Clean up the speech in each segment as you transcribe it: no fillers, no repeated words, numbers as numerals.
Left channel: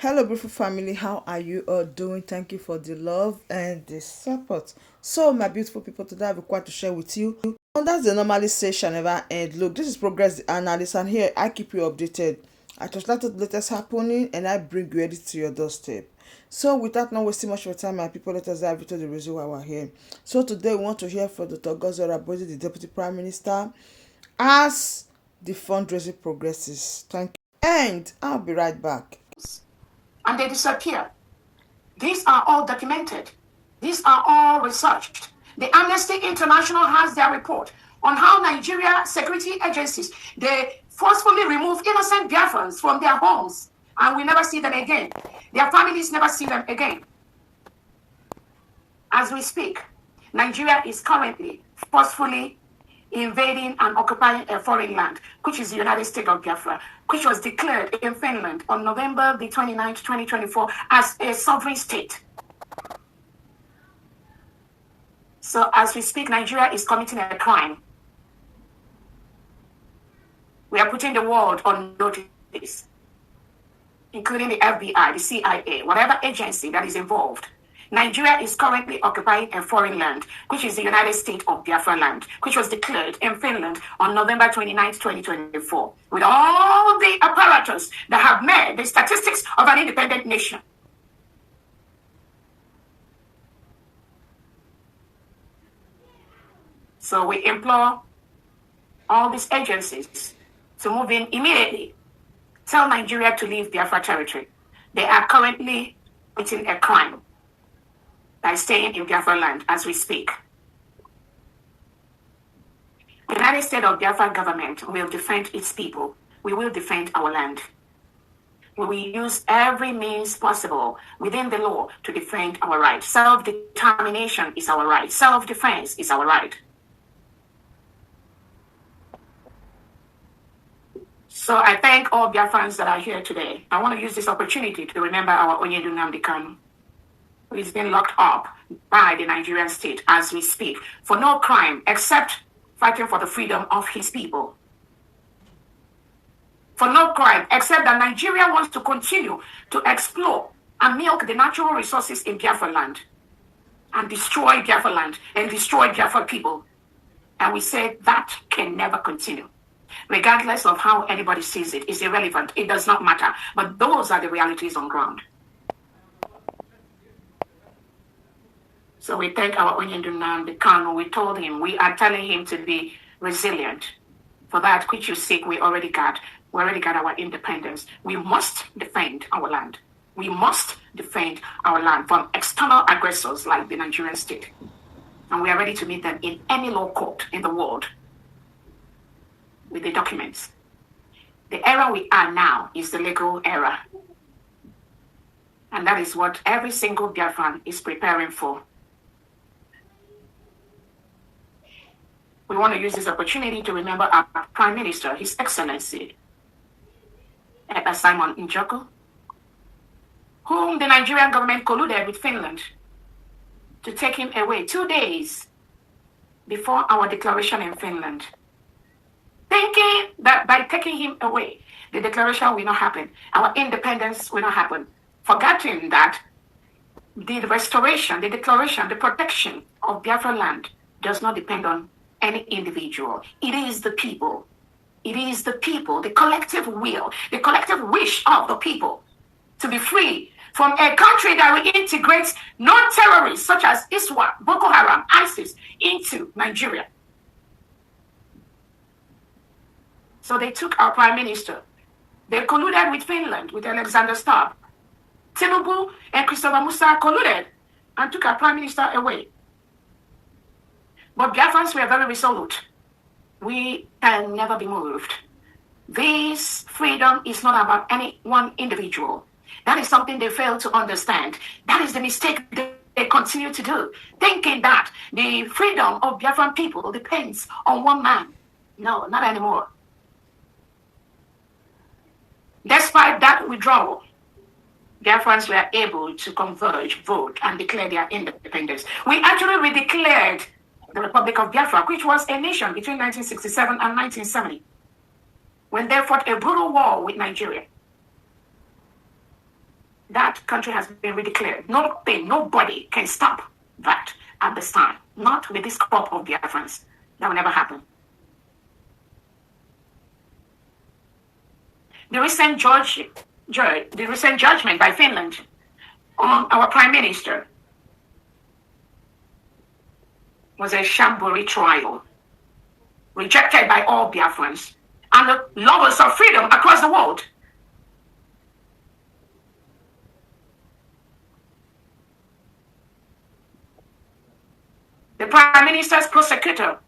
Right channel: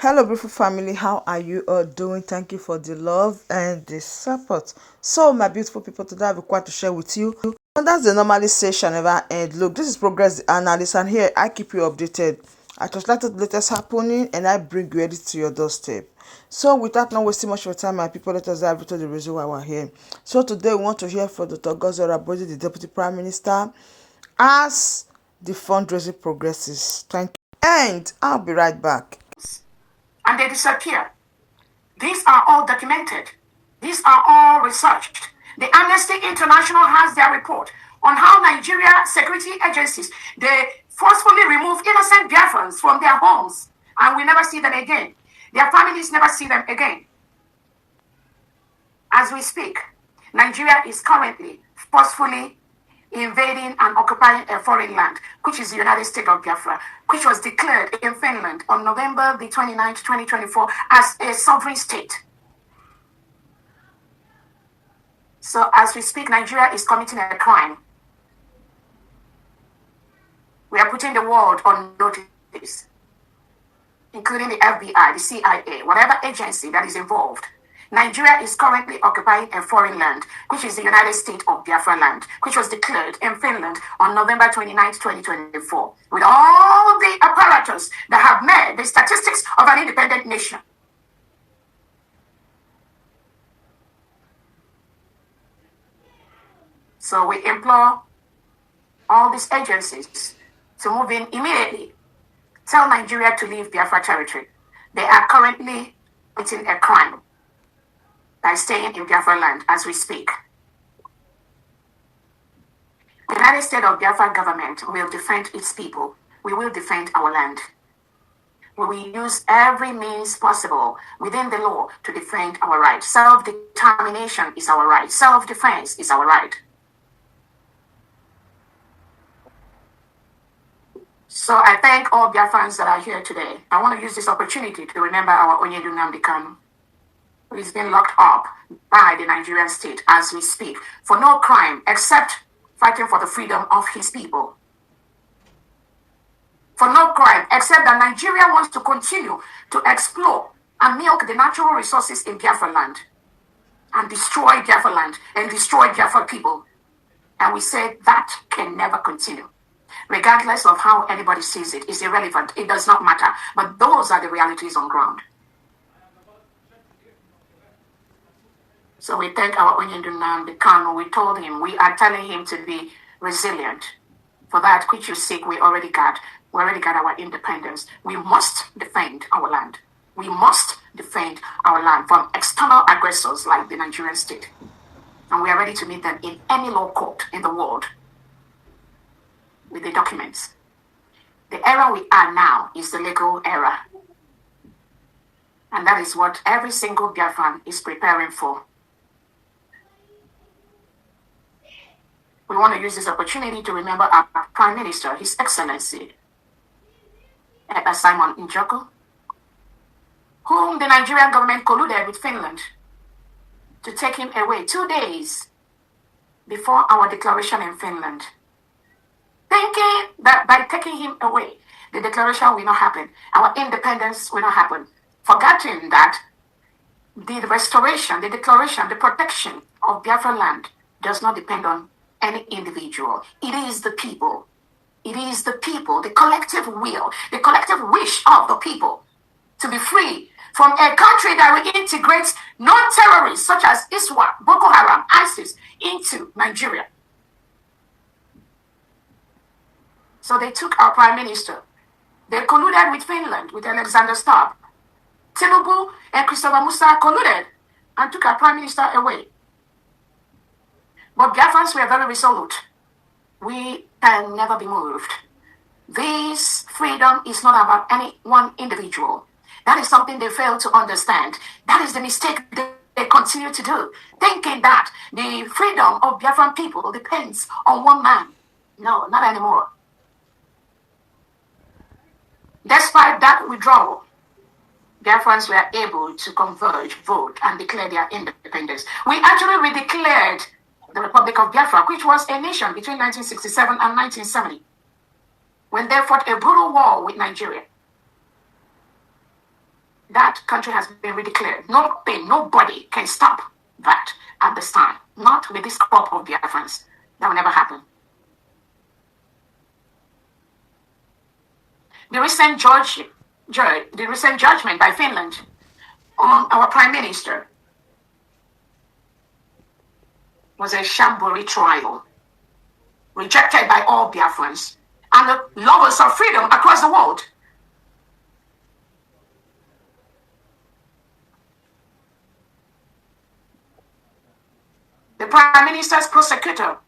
Hello, beautiful family. How are you all doing? Thank you for the love and the support. So, my beautiful people, today I have a quite to share with you. And that's the normally say shall never end. Look, this is Progress Analyst, and here I keep you updated. I translate the latest happening and I bring you edit to your doorstep. So, without not wasting much of your time, my people, let us dive into the reason why we're here. So, today we want to hear from Dr. Gozora Bodi, the Deputy Prime Minister, as the fundraising progresses. Thank you. And I'll be right back. And they disappear. These are all documented. These are all researched. The Amnesty International has their report on how Nigeria security agencies, they forcefully remove innocent Biafrans from their homes, and we never see them again. Their families never see them again. As we speak, Nigeria is currently forcefully invading and occupying a foreign land, which is the United States of Biafra, which was declared in Finland on November the 29th, 2024, as a sovereign state. So as we speak, Nigeria is committing a crime. We are putting the world on notice, including the FBI, the CIA, whatever agency that is involved. Nigeria is currently occupying a foreign land, which is the United States of Biafra land, which was declared in Finland on November 29th, 2024, with all the apparatus that have made the statistics of an independent nation. So we implore all these agencies to move in immediately. Tell Nigeria to leave Biafra territory. They are currently committing a crime by staying in Biafra land as we speak. The United States of Biafra government will defend its people. We will defend our land. We will use every means possible within the law to defend our right. Self-determination is our right. Self-defense is our right. So I thank all Biafrans that are here today. I want to use this opportunity to remember our Onyedu Nnamdi Kanu, who is being locked up by the Nigerian state as we speak for no crime except fighting for the freedom of his people. For no crime except that Nigeria wants to continue to explore and milk the natural resources in Biafra land and destroy Biafra land and destroy Biafra people. And we say that can never continue. Regardless of how anybody sees it, it's irrelevant. It does not matter. But those are the realities on ground. So we thank our Onyedu Nnamdi Kanu. We told him, we are telling him to be resilient. For that which you seek, we already got. We already got our independence. We must defend our land. We must defend our land from external aggressors like the Nigerian state. And we are ready to meet them in any law court in the world with the documents. The era we are now is the legal era. And that is what every single Biafran is preparing for. We want to use this opportunity to remember our Prime Minister, His Excellency, Ekpa'S Njoko, whom the Nigerian government colluded with Finland to take him away 2 days before our declaration in Finland, thinking that by taking him away, the declaration will not happen, our independence will not happen, forgetting that the restoration, the declaration, the protection of Biafra land does not depend on any individual. It is the people. It is the people, the collective will, the collective wish of the people to be free from a country that reintegrates non-terrorists such as ISWA, Boko Haram, ISIS into Nigeria. So they took our Prime Minister. They colluded with Finland, with Alexander Stubb. Tinubu and Christopher Musa colluded and took our Prime Minister away. But Biafrans were very resolute. We can never be moved. This freedom is not about any one individual. That is something they fail to understand. That is the mistake they continue to do, thinking that the freedom of Biafran people depends on one man. No, not anymore. Despite that withdrawal, Biafrans were able to converge, vote, and declare their independence. We actually redeclared the Republic of Biafra, which was a nation between 1967 and 1970, when they fought a brutal war with Nigeria. That country has been redeclared. Nothing, nobody can stop that at this time. Not with this crop of Biafrans. That will never happen. The recent judgment by Finland on our prime minister was a shambolic trial, rejected by all Biafrans and the lovers of freedom across the world. The prime minister's prosecutor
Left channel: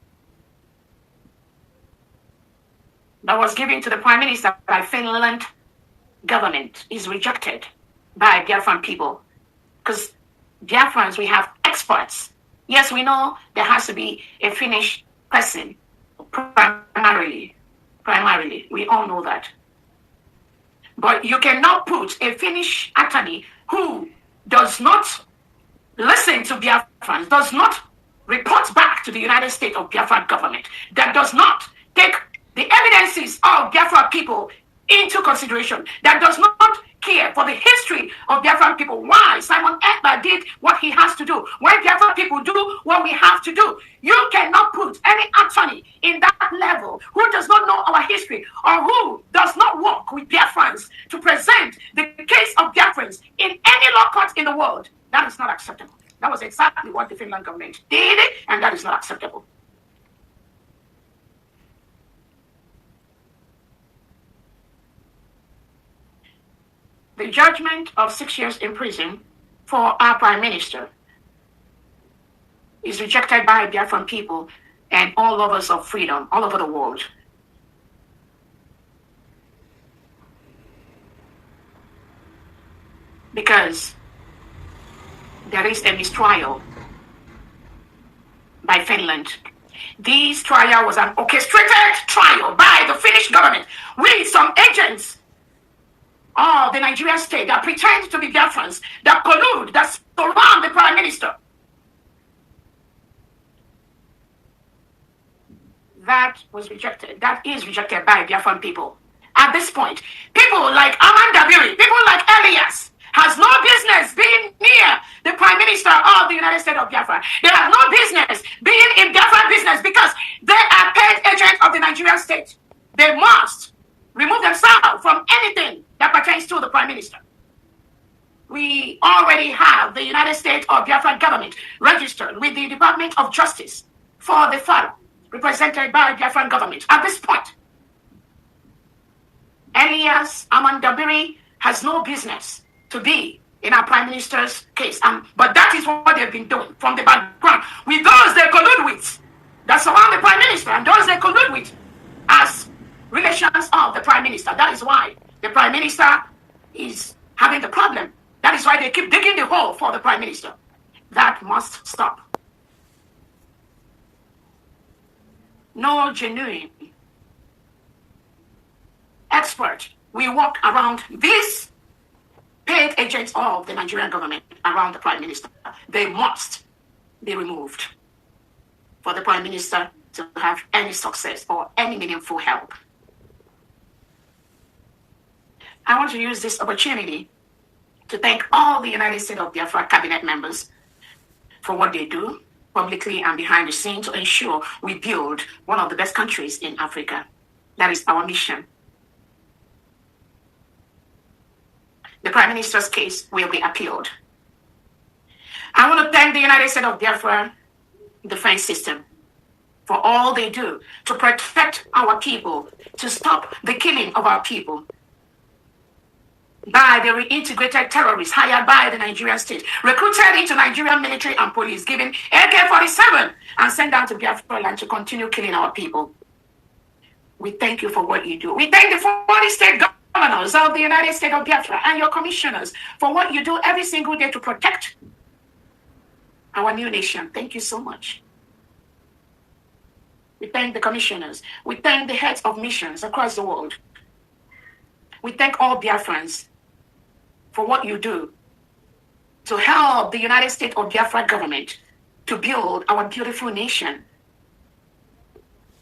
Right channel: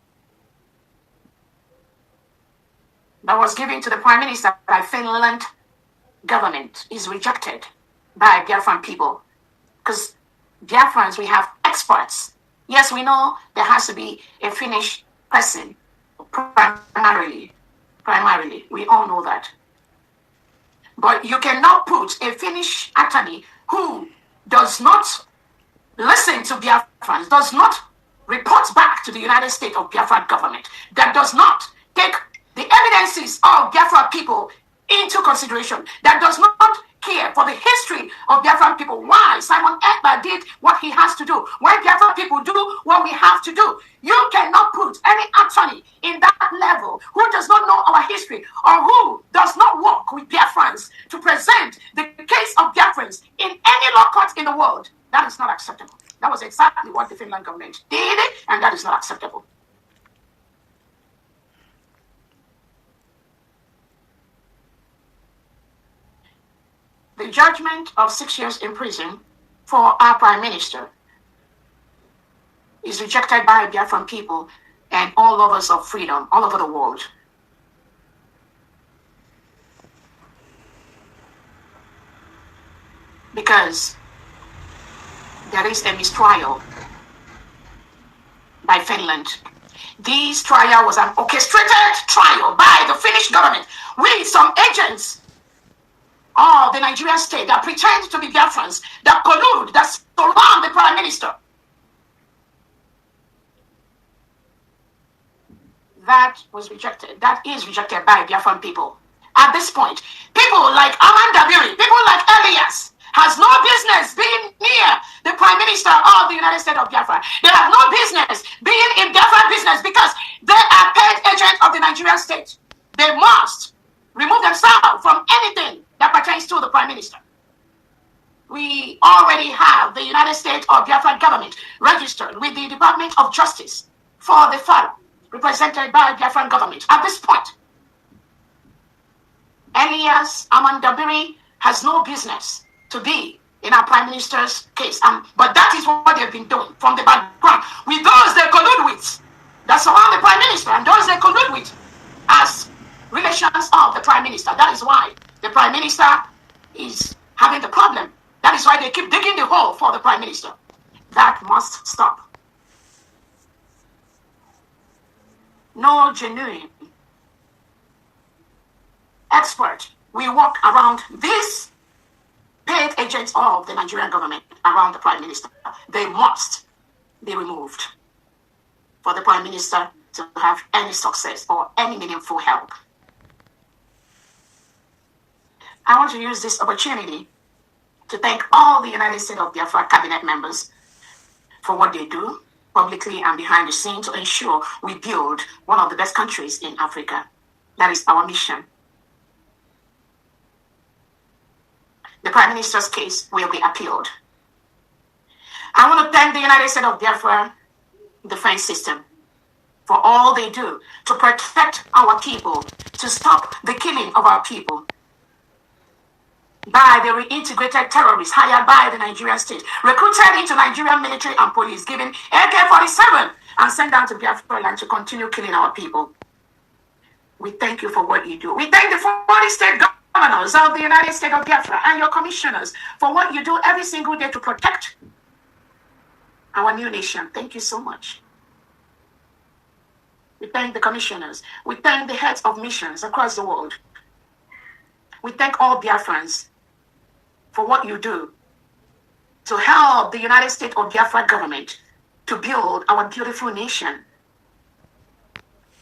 that was given to the prime minister by Finland government is rejected by Biafran people. Because Biafrans, we have experts. Yes, we know there has to be a Finnish person, primarily. We all know that. But you cannot put a Finnish attorney who does not listen to Biafrans, does not report back to the United States of Biafra government, that does not take the evidences of Biafra people into consideration, that does not care for the history of Biafran people, why Simon Ekpa'S did what he has to do, why Biafra people do what we have to do. You cannot put any attorney in that level who does not know our history or who does not work with Biafrans to present the case of Biafrans in any law court in the world. That is not acceptable. That was exactly what the Finland government did, and that is not acceptable. The judgment of 6 years in prison for our prime minister is rejected by Biafran people and all lovers of freedom all over the world. Because there is a mistrial by Finland. This trial was an orchestrated trial by the Finnish government with some agents of the Nigerian state that pretend to be Biafrans, that collude, that surround the prime minister. That was rejected. That is rejected by Biafran people. At this point, people like Amanda, people like Elias, has no business being near the prime minister of the United States of Biafra. They have no business being in Biafra business because they are paid agents of the Nigerian state. They must remove themselves from anything that pertains to the prime minister. We already have the United States of Biafra government registered with the Department of Justice for the fund represented by Biafran government. At this point, Elias Amandabiri has no business to be in our prime minister's case. But that is what they've been doing from the background with those they collude with that surround the prime minister and those they collude with as relations of the prime minister. That is why the prime minister is having the problem. That is why they keep digging the hole for the prime minister. That must stop. No genuine expert will walk around these paid agents of the Nigerian government around the prime minister. They must be removed for the prime minister to have any success or any meaningful help. I want to use this opportunity to thank all the United States of Biafra cabinet members for what they do publicly and behind the scenes to ensure we build one of the best countries in Africa. That is our mission. The Prime Minister's case will be appealed. I want to thank the United States of Biafra defense system for all they do to protect our people, to stop the killing of our people by the reintegrated terrorists hired by the Nigerian state, recruited into Nigerian military and police, given AK-47 and sent down to Biafra land to continue killing our people. We thank you for what you do. We thank the 40 state governors of the United States of Biafra and your commissioners for what you do every single day to protect our new nation. Thank you so much. We thank the commissioners. We thank the heads of missions across the world. We thank all Biafrans for what you do to help the United States of Biafra government to build our beautiful nation.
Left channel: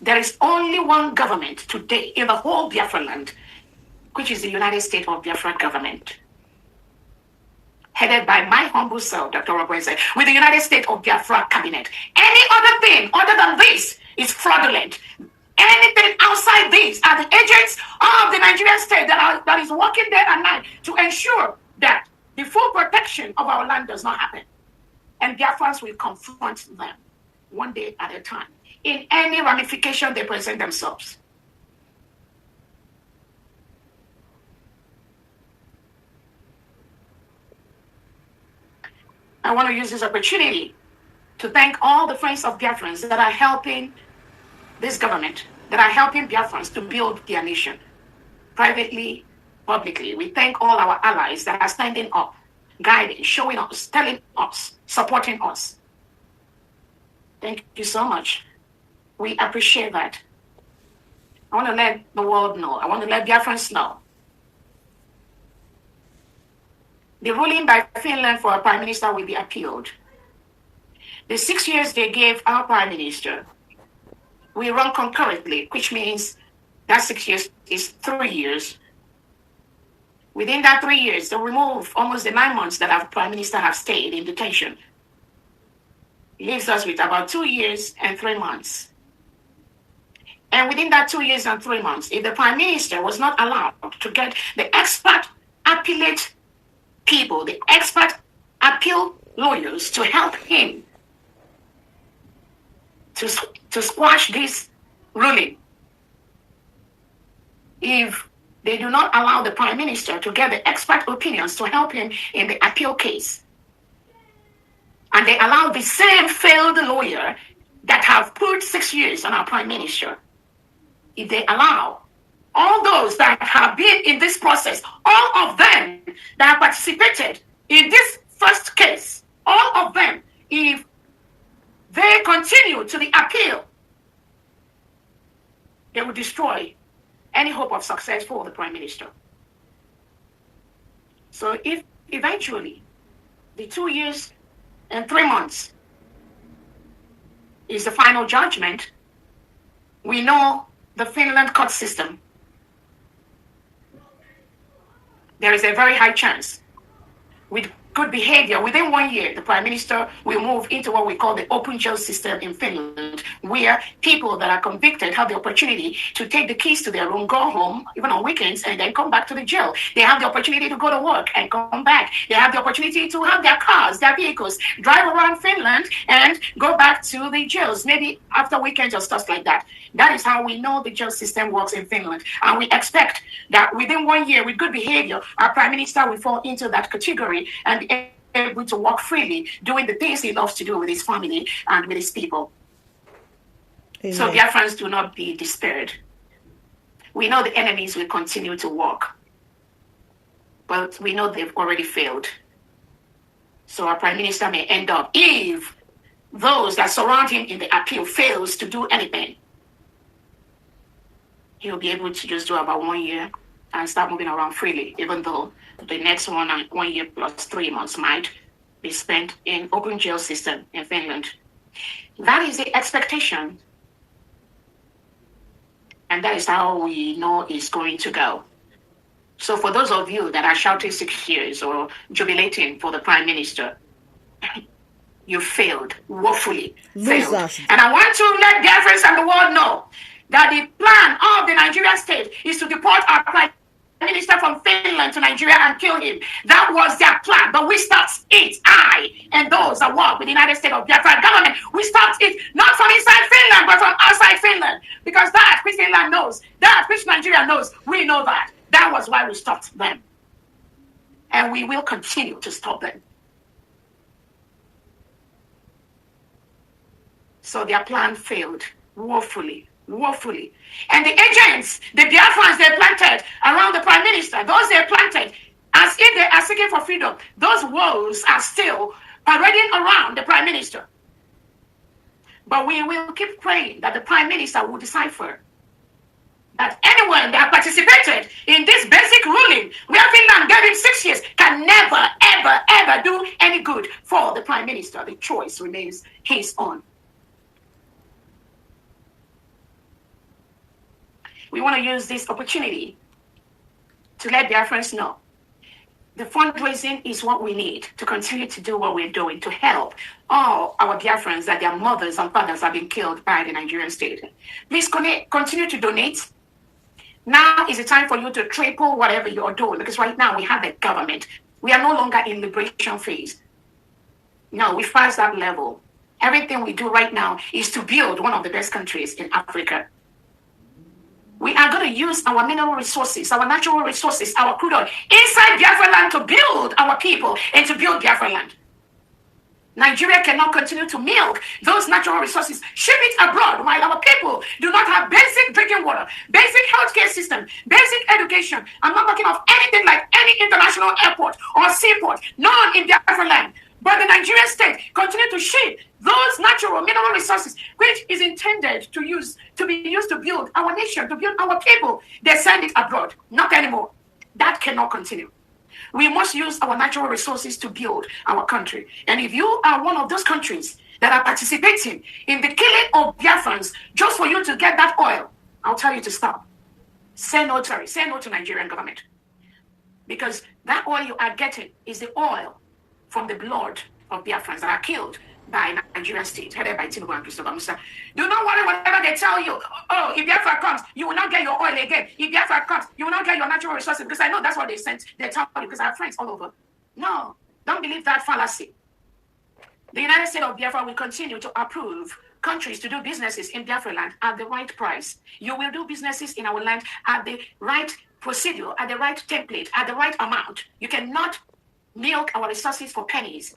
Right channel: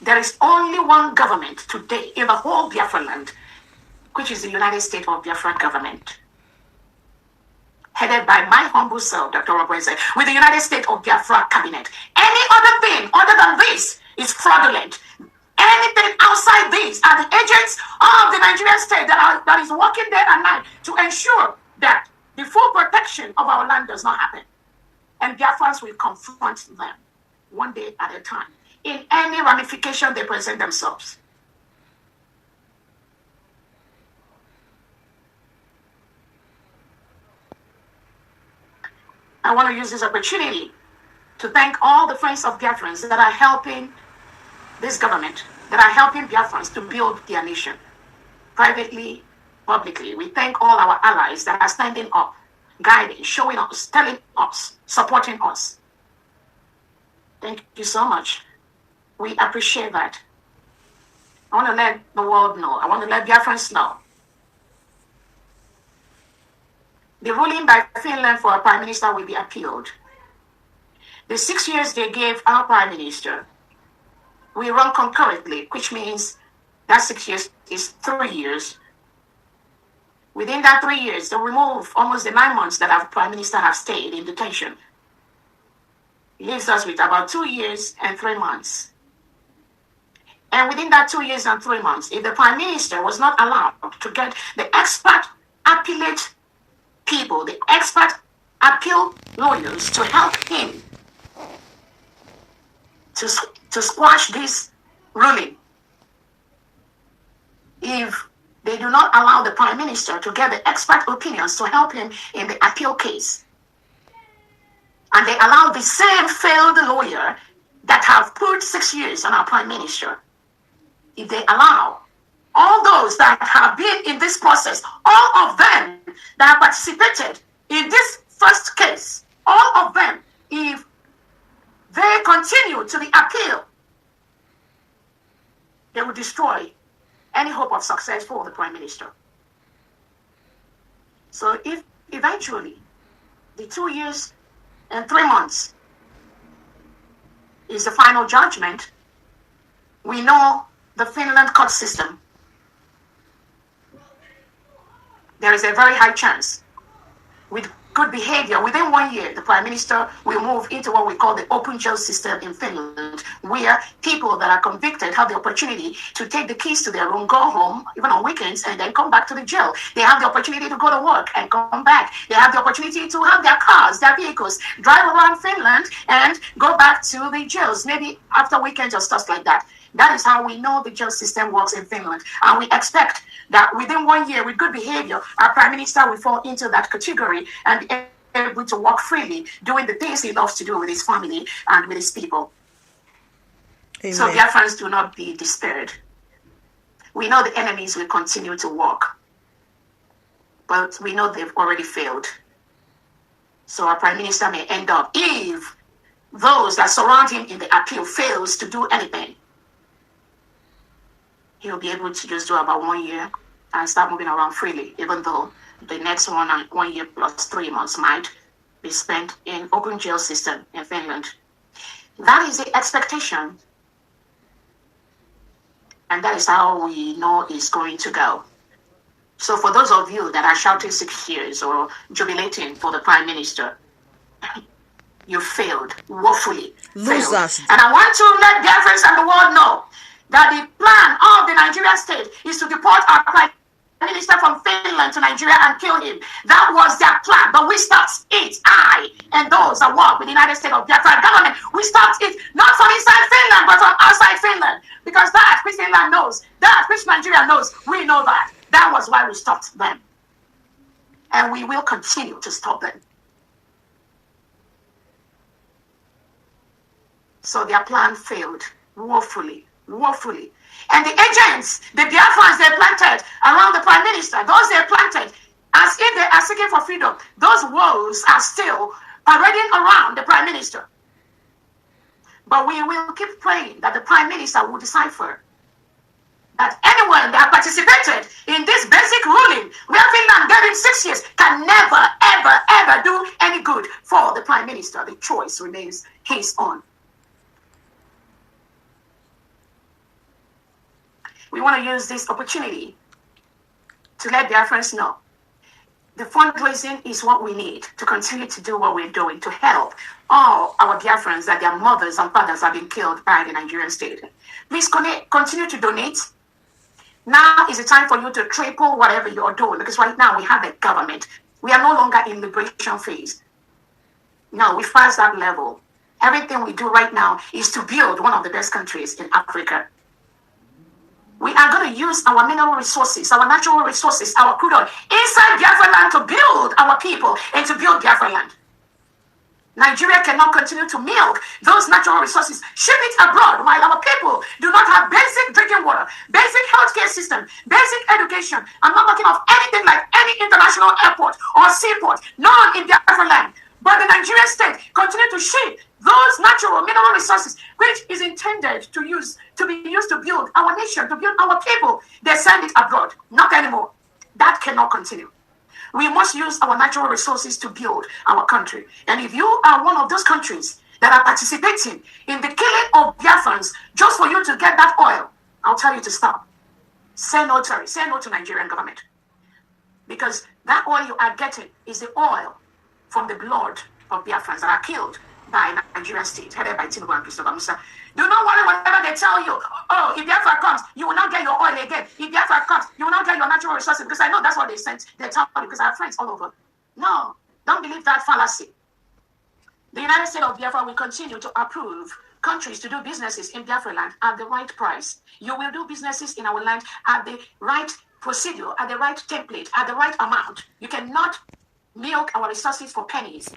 There is only one government today in the whole Biafra land, which is the United States of Biafra government. headed by my humble self, Dr. Robertson, with the United States of Biafra cabinet. Any other thing other than this is fraudulent. Anything outside these are the agents of the Nigerian state that is working day and night to ensure that the full protection of our land does not happen. And Biafrans will confront them one day at a time in any ramification they present themselves. I want to use this opportunity to thank all the friends of Biafrans that are helping this government, that are helping Biafrans to build their nation. Privately, publicly, we thank all our allies that are standing up, guiding, showing us, telling us, supporting us. Thank you so much. We appreciate that. I want to let the world know. I want to let Biafrans know. The ruling by Finland for a prime minister will be appealed. The 6 years they gave our prime minister will run concurrently, which means that 6 years is 3 years. Within that 3 years, they'll remove almost the 9 months that our prime minister has stayed in detention. Leaves us with about 2 years and 3 months. And within that 2 years and 3 months, if the prime minister was not allowed to get the expert appellate people, the expert appeal lawyers to help him to squash this ruling, if they do not allow the prime minister to get the expert opinions to help him in the appeal case, and they allow the same failed lawyer that have put 6 years on our prime minister, if they allow all those that have been in this process, all of them that have participated in this first case, all of them, if they continue to the appeal, they will destroy any hope of success for the prime minister. So if eventually the 2 years and 3 months is the final judgment, we know the Finland court system, there is a very high chance with good behavior, within 1 year, the prime minister will move into what we call the open jail system in Finland, where people that are convicted have the opportunity to take the keys to their room, go home, even on weekends, and then come back to the jail. They have the opportunity to go to work and come back. They have the opportunity to have their cars, their vehicles, drive around Finland and go back to the jails, maybe after weekends or stuff like that. That is how we know the jail system works in Finland. And we expect that within 1 year, with good behavior, our prime minister will fall into that category and be able to walk freely, doing the things he loves to do with his family and with his people. Amen. So Biafrans, do not be despaired. We know the enemies will continue to walk, but we know they've already failed. So our prime minister may end up, if those that surround him in the appeal fails to do anything, he'll be able to just do about 1 year and start moving around freely, even though the next 1 year plus 3 months might be spent in open jail system in Finland. That is the expectation. And that is how we know it's going to go. So for those of you that are shouting 6 years or jubilating for the prime minister, you failed, woefully failed. And I want to let the Biafrans and the world know that the plan of the Nigerian state is to deport our prime minister from Finland to Nigeria and kill him. That was their plan, but we stopped it. I and those that work with the United States of Biafra government, we stopped it not from inside Finland, but from outside Finland. Because that which Finland knows, that which Nigeria knows, we know that. That was why we stopped them. And we will continue to stop them. So their plan failed woefully. Woefully. And the agents, the Biafrans they planted around the prime minister, those they planted as if they are seeking for freedom, those wolves are still parading around the prime minister. But we will keep praying that the prime minister will decipher that anyone that participated in this basic ruling, where Finland gave him 6 years, can never, ever, ever do any good for the prime minister. The choice remains his own. We want to use this opportunity to let Biafrans know The fundraising is what we need to continue to do what we're doing to help all our Biafrans that their mothers and fathers have been killed by the Nigerian state. Please continue to donate. Now is the time for you to triple whatever you're doing, because right now we have a government. We are no longer in liberation phase. No, we passed that level. Everything we do right now is to build one of the best countries in Africa. We are going to use our mineral resources, our natural resources, our crude oil inside Biafra land to build our people and to build Biafra land. Nigeria cannot continue to milk those natural resources, ship it abroad while our people do not have basic drinking water, basic healthcare system, basic education. I'm not talking of anything like any international airport or seaport, none in Biafra land. But the Nigerian state continue to ship those natural mineral resources, which is intended to be used to build our nation, to build our people. They send it abroad. Not anymore. That cannot continue. We must use our natural resources to build our country. And if you are one of those countries that are participating in the killing of Biafrans just for you to get that oil, I'll tell you to stop. Say no to Nigerian government. Because that oil you are getting is the oil from the blood of Biafrans that are killed by Nigerian state, headed by Tinubu and Christopher Musa. Do not worry whatever they tell you. Oh, if Biafra comes, you will not get your oil again. If Biafra comes, you will not get your natural resources, because I know that's what they tell you, because I have friends all over. No, don't believe that fallacy. The United States of Biafra will continue to approve countries to do businesses in Biafra land at the right price. You will do businesses in our land at the right procedure, at the right template, at the right amount. You cannot milk our resources for pennies.